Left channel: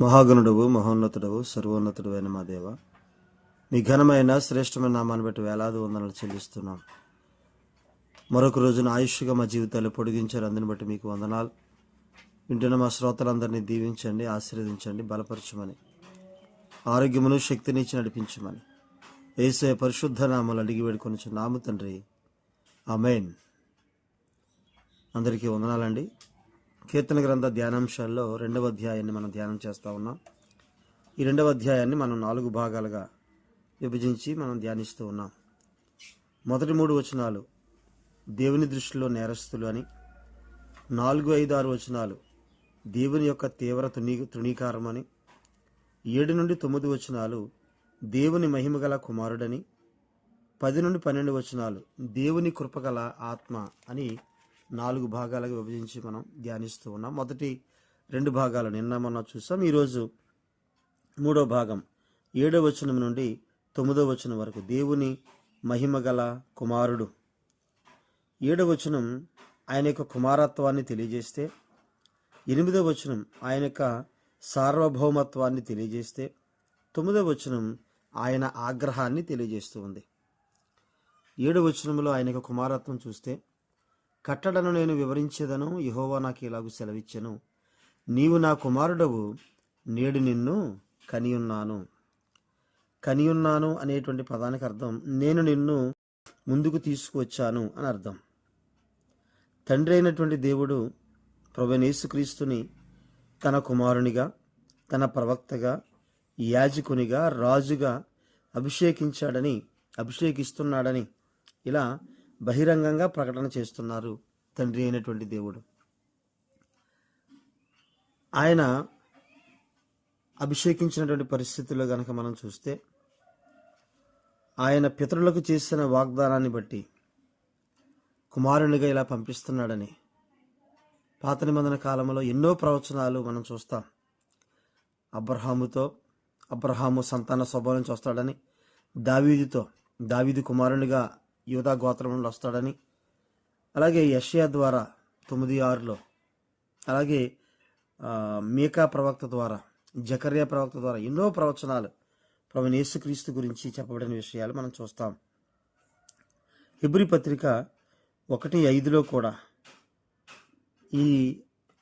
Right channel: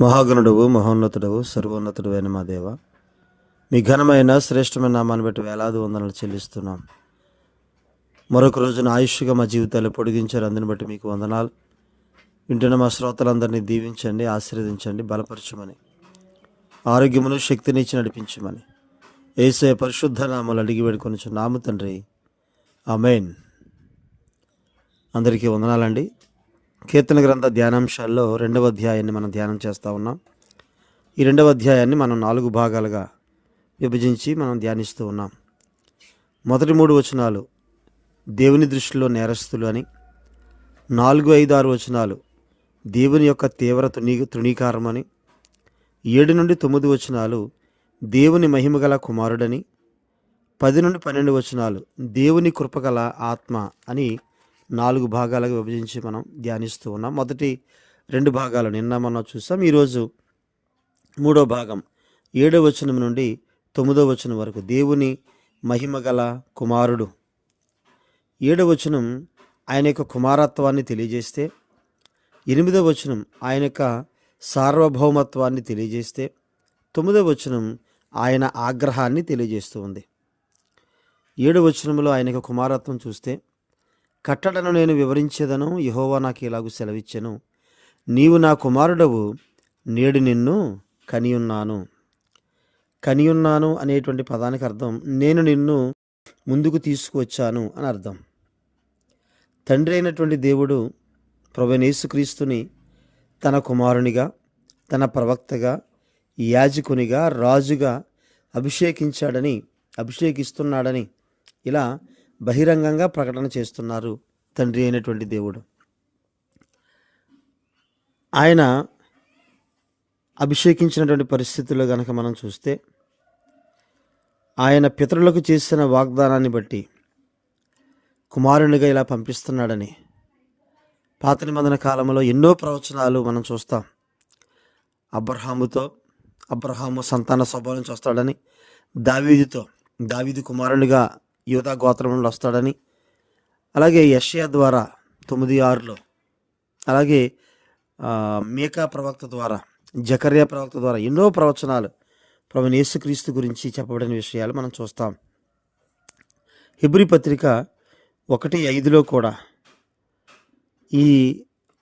మహాగణుడవు మహోన్నతుడవు సర్వోన్నతుడు అయిన మా దేవ. మీ ఘనమైన శ్రేష్టమైన నామాన్ని బట్టి వేలాది వందనలు చెల్లిస్తున్నాం. మరొక రోజున ఆయుష్గా మా జీవితాలు పొడిగించారు. అందుని బట్టి మీకు వందనాలు. వింటున్న మా శ్రోతలందరినీ దీవించండి ఆశీర్వదించండి బలపరచమని. ఆరోగ్యమును శక్తిని ఇచ్చి నడిపించమని. ఏసే పరిశుద్ధ నామాలు అడిగి వేడుకొని నామ తండ్రి. అమేన్ అందరికీ వందనాలండి. కీర్తన గ్రంథ ధ్యానాంశాల్లో రెండవ అధ్యాయాన్ని మనం ధ్యానం చేస్తూ ఉన్నాం. ఈ రెండవ అధ్యాయాన్ని మనం నాలుగు భాగాలుగా విభజించి మనం ధ్యానిస్తూ ఉన్నాం. మొదటి మూడు వచనాలు దేవుని దృష్టిలో నేరస్తులు అని నాలుగు ఐదు ఆరు వచనాలు దేవుని యొక్క తీవ్ర తృణీ తృణీకారం అని ఏడు నుండి తొమ్మిది వచనాలు దేవుని మహిమగల కుమారుడని పది నుండి పన్నెండు వచనాలు దేవుని కృపగల ఆత్మ అని నాలుగు భాగాలుగా విభజించి మనం ధ్యానిస్తూ ఉన్నాం. మొదటి రెండు భాగాలు నిన్న మనం చూసాం. ఈరోజు మూడో భాగం. ఏడో వచనం నుండి తొమ్మిదో వచనం వరకు దేవుని మహిమగల కుమారుడు. ఏడో వచనం ఆయన యొక్క కుమారత్వాన్ని తెలియజేస్తే ఎనిమిదో వచనం ఆయన యొక్క సార్వభౌమత్వాన్ని తెలియజేస్తే తొమ్మిదో వచనం ఆయన ఆగ్రహాన్ని తెలియజేస్తూ ఉంది. ఏడు వచనంలో ఆయన యొక్క కుమారత్వం చూస్తే కట్టడను నేను వివరించేదను యహోవా నాకు ఇలాగూ సెలవిచ్చెను. నీవు నా కుమారుడవు నేడు నిన్ను కనియున్నాను. కనియున్నాను అనేటువంటి పదానికి అర్థం నేను నిన్ను ముందుకు తీసుకువచ్చాను అని అర్థం. తండ్రి అయినటువంటి దేవుడు ప్రభునేసుక్రీస్తుని తన కుమారునిగా తన ప్రవక్తగా యాజకునిగా రాజుగా అభిషేకించాడని అభిషేకిస్తున్నాడని ఇలా బహిరంగంగా ప్రకటన చేస్తున్నారు తండ్రి అయినటువంటి దేవుడు. ఆయన అభిషేకించినటువంటి పరిస్థితుల్లో గనక మనం చూస్తే ఆయన పితరులకు చేసిన వాగ్దానాన్ని బట్టి కుమారునిగా ఇలా పంపిస్తున్నాడని పాత నిబంధన కాలంలో ఎన్నో ప్రవచనాలు మనం చూస్తాం. అబ్రహాముతో అబ్రహాము సంతాన స్వభావం చూస్తాడని దావీదుతో దావీదు కుమారునిగా యూదా గోత్రం నుండి వస్తాడని. అలాగే యషయా ద్వారా తొమ్మిది ఆరులో అలాగే మేకా ప్రవక్త ద్వారా జకర్యా ప్రవక్త ద్వారా ఎన్నో ప్రవచనాలు ప్రభు యేసుక్రీస్తు గురించి చెప్పబడిన విషయాలు మనం చూస్తాం. హిబ్రి పత్రిక ఒకటి ఐదులో కూడా ఈ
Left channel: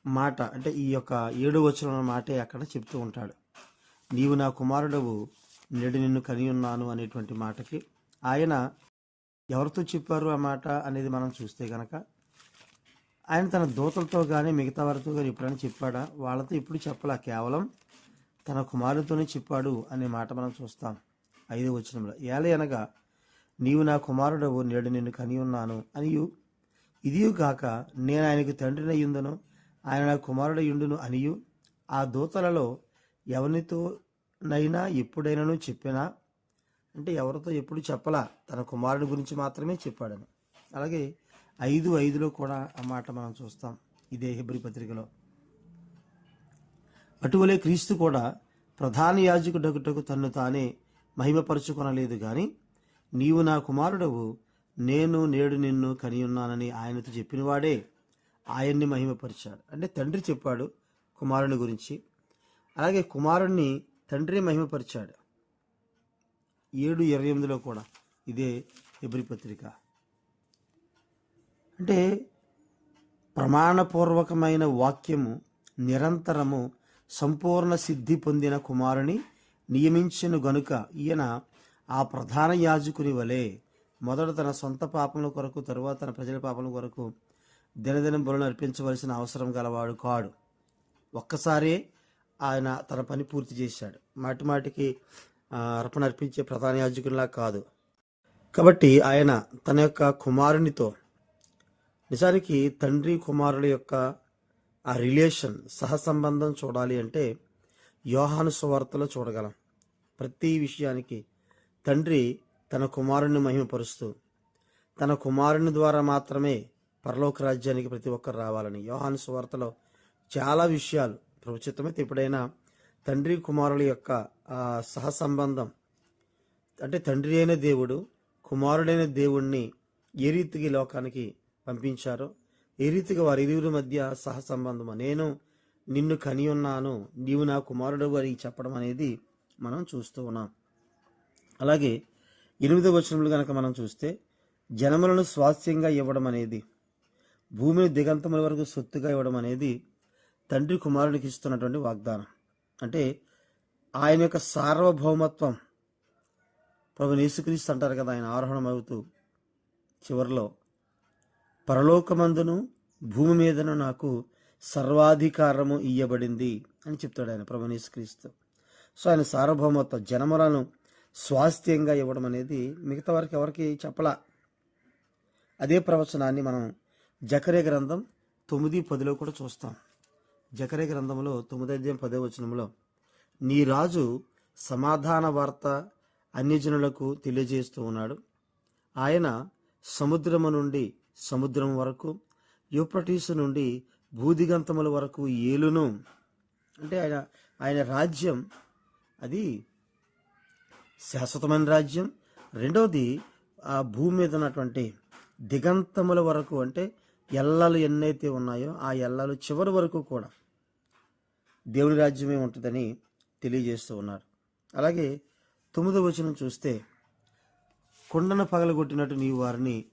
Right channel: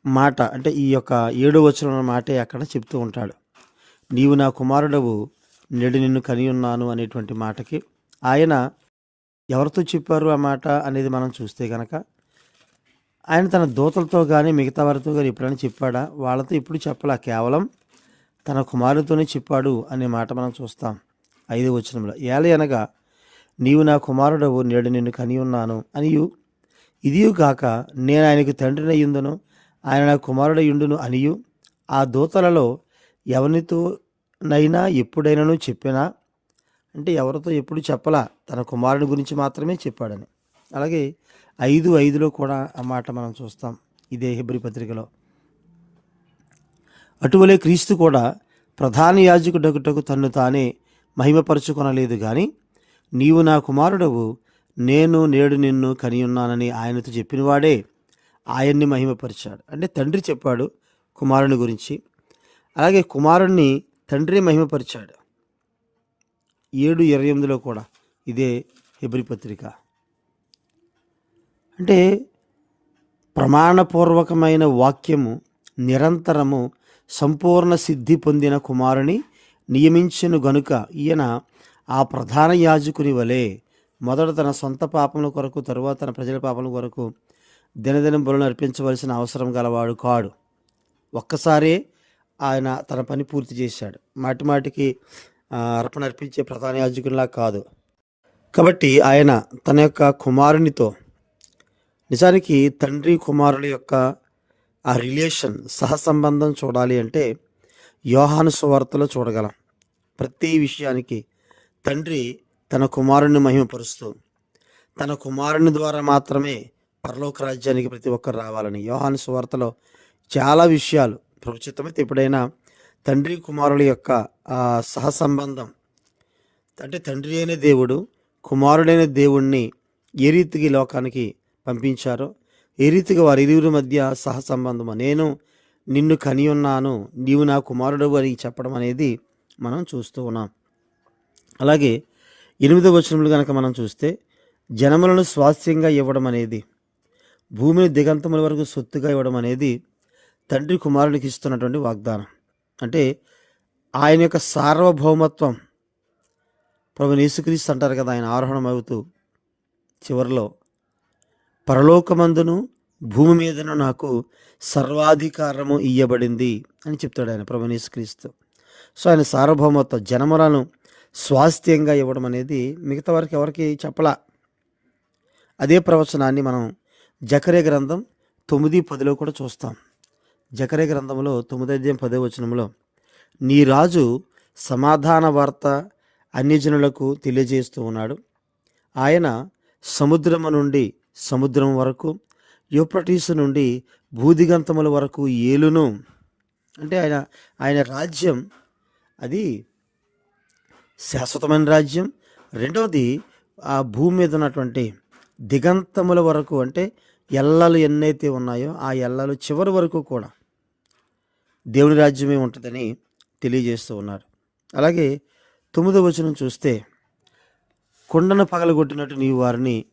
మాట అంటే ఈ యొక్క ఏడో వచ్చిన మాటే అక్కడ చెప్తూ ఉంటాడు. నీవు నా కుమారుడవు నేడు నిన్ను కని ఉన్నాను అనేటువంటి మాటకి ఆయన ఎవరితో చెప్పారు ఆ మాట అనేది మనం చూస్తే కనుక ఆయన తన దూతలతో కానీ మిగతా వారితో కానీ ఎప్పుడైనా చెప్పాడా? వాళ్ళతో ఇప్పుడు చెప్పలా? కేవలం తన కుమారుడితోనే చెప్పాడు అనే మాట మనం చూస్తాం. ఐదు వచనంలో ఏల అనగా నీవు నా కుమారుడవు నేడు నిన్ను కని ఉన్నాను. అనియు ఇదియు కాక నేను ఆయనకు తండ్రినయ్యుందును ఆయన నా కుమారుడయ్యుండును అనియు ఆ దూతలలో ఎవరితో నైనా ఎప్పుడైనాను చెప్పినా అంటే ఎవరితో ఎప్పుడు చెప్పలా. తన కుమారుని గురించి మాత్రమే చెప్పాడని. అలాగే ఐదు ఐదులో కూడా ఆ మాట మనం చూస్తాం. ఇదే హిబ్రి పత్రికలో. అటువలే క్రీస్తు కూడా ప్రధాన యాజకుడగుటకు తన్ను తానే మహిమపరుచుకొనలేదు కానీ నీవు నా కుమారుడవు నేను నేడు నిన్ను కనియున్నానని ఆయనతో చెప్పినవాడే ఆయన్ని మహిమపరిచాడు. అంటే తండ్రి చెప్పాడు కుమారుని గురించి. అలాగే కుమారుణ్ణి తండ్రి మహిమపరిచాడు. ఏడు ఇరవై ఎనిమిదిలో కూడా ఇదే హెబ్రి పత్రిక. అంటే ప్రమాణపూర్వకమైన వాక్యము నిరంతరము సంపూర్ణ సిద్ధి పొందిన కుమారుని నియమించిన గనుక ఈయన ఆ ప్రధాన యాజకుని వలె మొదట తన సొంత పాపముల కొరకు తరువాత తన ప్రజల పాపముల కొరకు దినదినం బలులను అర్పించవలసిన అవసరం గలవాడు కాడు. ఒక్కసారే ఆయన తన పని పూర్తి చేశాడు. మాటి మాటికి అర్పణ అర్పించే ప్రధాన యాజకునిలా కాదు. కాబట్టి ఆయన తన యొక్క కుమారునితో నిజానికి తండ్రి కుమారుల యొక్క ఆ రిలేషన్ సహసంబంధం చూడాలి అంటే యోహాను సువార్తలో చూడగలం. ప్రతి విషయానికి తండ్రి తన కుమారుని మహిమపరుస్తూ తన కుమారుని ద్వారా మాత్రమే పరలోక రాజ్యానికి ప్రతి ఒక్కరు రావాలని యోహాను సువార్తలో చాలా విషయాలు ప్రభుత్వమైతే ఎప్పుడైనా తండ్రి కుమారుల యొక్క ఆ సహసంబంధం. అంటే తండ్రి అయిన దేవుడు కుమారుడైన దేవుణ్ణి ఏ రీతికి లోకానికి పంపించారో ఏ రీతిగా వారి ఇరువురి మధ్య సహసంబంధము? నేను నిన్ను కని ఉన్నాను నీవు నా కుమారుడు అని చెప్పడం అనేది మనం చూస్తూ ఉన్నాం. అలాగే ఎనిమిదవ వచనములు కనుక మనం చూస్తే జనములను స్వాస్థ్యంగా ఇవ్వడం అనేది భూమిని దిగంతముల వరకు సొత్తుగా ఇవ్వడం అనేది తండ్రి కుమారునికి ఇస్తున్నటువంటి వాగ్దానం. అంటే ఆయన యొక్క సార్వభౌమత్వం ప్రభు యేసుక్రీస్తు అంటారు కదా ఆయన ఆరోహణం అవుతూ చివరిలో పరలోకమందును భూమి మీదను నాకు సర్వాధికారము ఇయ్యబడింది అని చెప్తాడు ఆయన ప్రభు యేసుక్రీస్తు. సో ఆయన సార్వభౌమత్వం జనములను స్వాస్థ్యంగా ఇవ్వడం అనేది మిగతా వారికి ఎవరికి చెప్పలా. అదే ప్రవచనాన్ని మనం జకరే గ్రంథం తొమ్మిది పదిలో కూడా చూస్తాం. జకరే గ్రంథంలో తొమ్మిది పదే వచనంలో నీ రాజు సమాధాన వార్త అన్యజనులకు తెలియజేస్తూ ఉన్నాడు. ఆయన సముద్రము నుండి సముద్రం వరకు యూప్రటీసు నుండి భూదిగంతముల వరకు ఏలును. అంటే ఆయన ఆయన రాజ్యం అది శాశ్వతమైన రాజ్యం. రెండవది ఆ భూమి మీద ఉన్నటువంటి దిగంతముల వరకు అంటే ఎల్లలు ఎన్నైతే ఉన్నాయో ఆ ఎల్లలు చివరి వరకు కూడా దేవుని రాజ్యమే ఉంటుందని తెలియజేస్తూ ఉన్నారు. అలాగే తొమ్మిదో వచనం చూస్తే కొండను పగలగొట్టినట్టు నీవు వారిని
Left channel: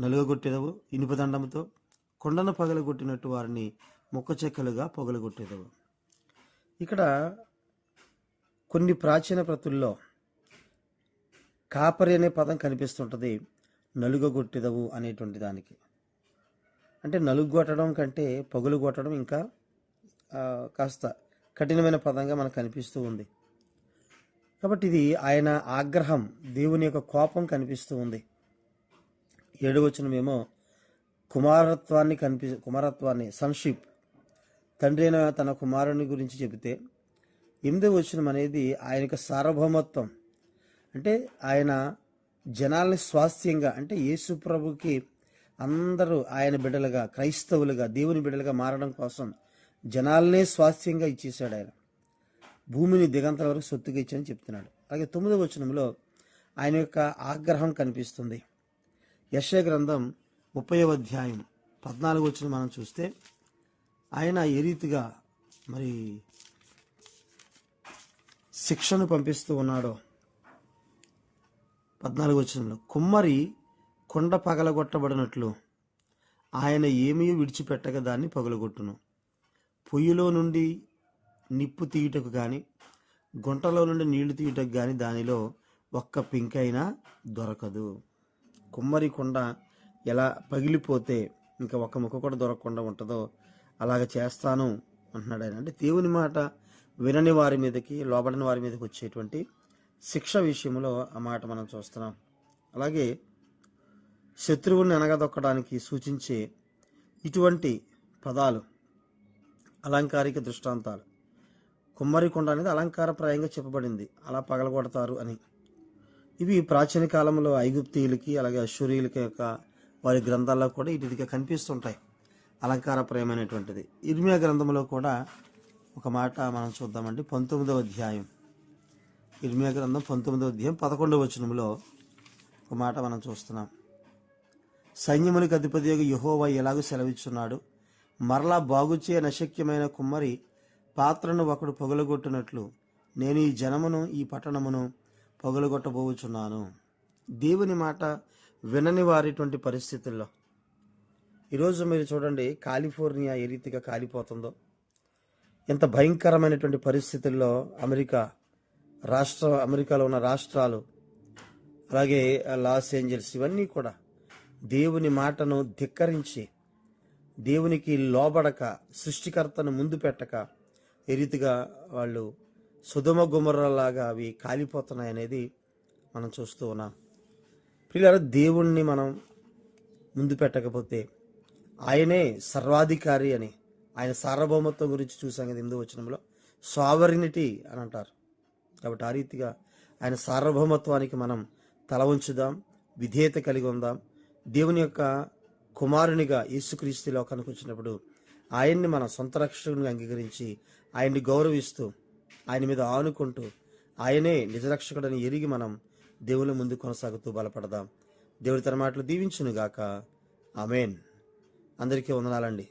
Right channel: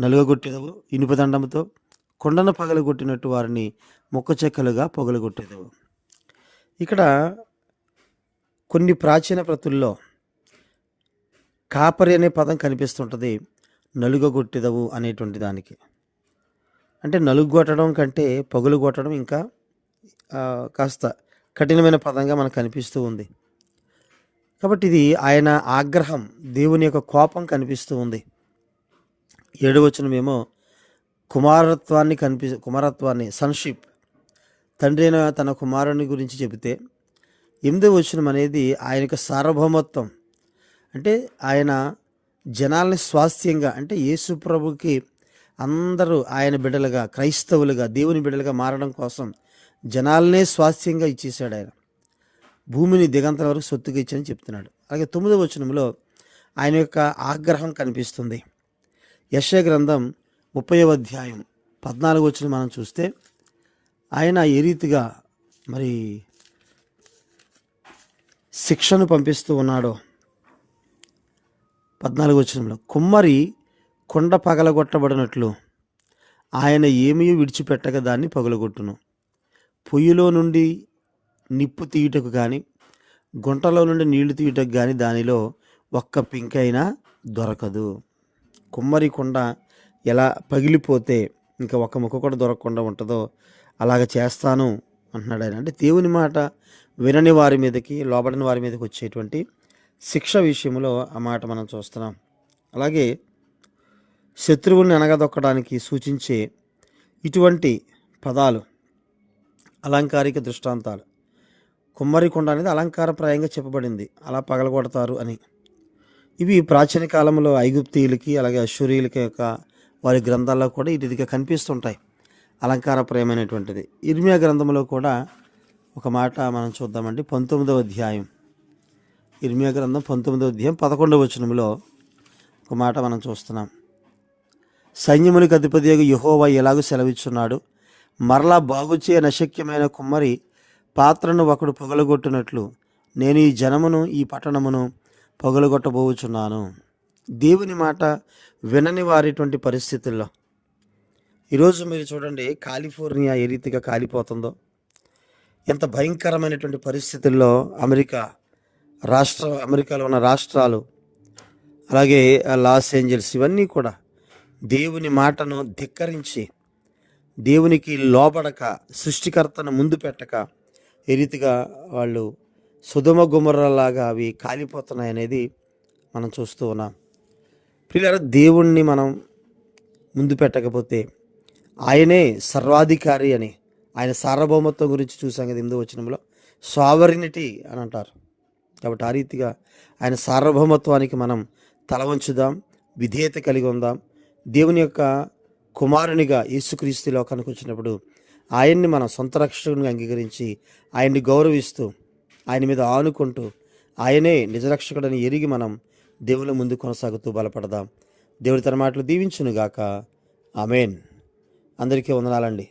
నలుగగొట్టేదవు ఇనుపదండంతో కొండను పగలగొట్టినట్టు వారిని మొక్క చెక్కలుగా పొగలగొట్టేదవు. ఇక్కడ కొన్ని ప్రాచీన ప్రతుల్లో కాపరి అనే పదం కనిపిస్తుంటుంది నలుగగొట్టేదవు అనేటువంటి దానికి. అంటే నలుగు కొట్టడం కంటే పగులు కొట్టడం ఇంకా కాస్త కఠినమైన పదంగా మనకు కనిపిస్తూ ఉంది. కాబట్టి ఇది ఆయన ఆగ్రహం దేవుని యొక్క కోపం కనిపిస్తూ ఉంది. ఏడవచనమేమో కుమారత్వాన్ని కనిపి కుమారత్వాన్ని సన్షిప్ తండ్రి అయిన తన కుమారుని గురించి చెబితే ఎనిమిదో వచనం అనేది ఆయన యొక్క సార్వభౌమత్వం. అంటే ఆయన జనాల్ని స్వాస్థ్యంగా అంటే యేసు ప్రభుకి అందరూ ఆయన బిడ్డలుగా క్రైస్తవులుగా దేవుని బిడ్డలుగా మారడం కోసం జనాలనే స్వాస్థ్యంగా ఇచ్చేసాడు ఆయన భూమిని దిగంతల వరకు సొత్తుగా ఇచ్చని చెప్తున్నాడు. అలాగే తొమ్మిదవ వచనంలో ఆయన యొక్క ఆగ్రహం కనిపిస్తుంది. యశ గ్రంథం ముప్పైవ అధ్యాయం పద్నాలుగు వచ్చిన మనం చూస్తే ఆయన ఏ రీతిగా మరి శిక్షను పంపిస్తూ ఉన్నాడో పద్నాలుగు వచనంలో కుమ్మరి కొండ పగలగొట్టబడినట్లు ఆయన ఏమీ విడిచిపెట్టక దాన్ని పగలగొట్టును. పొయ్యిలో నుండి నిప్పు తీయుటకు కానీ గుంటలో నుండి నీళ్ళు తీయుటకు కానీ దానిలో ఒక్క పింకైనా దొరకదు. కుమ్మరి కుండ ఎలా పగిలిపోతే ఇంకా ఒక్క ముక్క కూడా దొరకకుండా ఉంటుందో అలాగ చేస్తాను అంటున్నాడు ఆయన. అంటే దేవుని మాట వినని వారి మీదకి లోబడని వారి మీదకి వచ్చేటువంటి శిక్ష విషయంలో ఆ మాట మనం చూస్తున్నాం. అలాగే శత్రువుల్ని అనగదొక్కడానికి సూచించే ఇటువంటి పదాలు అలంకారిక దృష్టాంతాలు. కుమ్మరికొండ అనేది అలంకారప్రాయంగా చెప్పబడింది. అలా పగలగొడతారు అని. ఇవి ప్రాచీన కాలంలో ఐగుప్తీయులకి అలాగే అశ్వరీయులకి యొక్క వారి గ్రంథాల్లో కూడా ఇటుదిగా కనిపిస్తుంటాయి. అలంకారప్రాయమైనటువంటిది. ఇర్మియా గ్రంథంలో కూడా ఒక మాట మనం చూద్దామండి. పంతొమ్మిదవ అధ్యాయం. ఇర్మియా గ్రంథం పంతొమ్మిదవ అధ్యాయం పదకొండవ వచనంలో ఒక మాట మనం చూస్తున్నాం. సైన్యములకు అధిపతి యహోవా ఎలాగో సెలవిచ్చున్నాడు? మరలా బాగుచే నశక్యమైన కుమ్మరి పాత్రను ఒకడు పొగలగొట్టినట్లు నేను ఈ జనమును ఈ పట్టణమును పొగలగొట్టబోచున్నాను. దేవుని మాట వినని వారిటువంటి పరిస్థితుల్లో. ఈరోజు మీరు చూడండి కాలిఫోర్నియా ఏ రీతిగా కాలిపోతుందో. ఎంత భయంకరమైనటువంటి పరిస్థితుల్లో అమెరికా రాష్ట్ర అమెరికాలో ఉన్న రాష్ట్రాలు అలాగే ఆ లాస్ ఏంజల్స్ ఇవన్నీ కూడా దేవుని మాటను ధిక్కరించి దేవునికి లోబడక సృష్టికర్తను ముందు పెట్టక ఏ రీతిగా వాళ్ళు సుధమ గుమర్రలాగా అవి కాలిపోతున్నాయి అనేది మనం చూస్తూ ఉన్నాం. పిల్లలు దేవుణ్ణి మనం ముందు పెట్టకపోతే ఆయనే సర్వాధికారి అని ఆయన సార్వభౌమత్వం గురించి చూసాం కదా ఎనిమిదో వచనంలో సావరినిటీ అని అంటారు. కాబట్టి ఆ రీతిగా ఆయన సార్వభౌమత్వానికి మనం తల వంచుదాం విధేయత కలిగి ఉందాం. దేవుని యొక్క కుమారునిగా యేసుక్రీస్తు లోకానికి వచ్చినప్పుడు ఆయన్ని మనం సొంత రక్షకునిగా అంగీకరించి ఆయన్ని గౌరవిస్తూ ఆయన మీద ఆనుకుంటూ ఆయనే నిజరక్షకుడని ఎరిగి మనం దేవుని ముందు కొనసాగుతూ బలపడదాం. దేవుడి తన మాటలు దీవించునుగాక. ఆమెన్. అందరికీ వందనాలండి.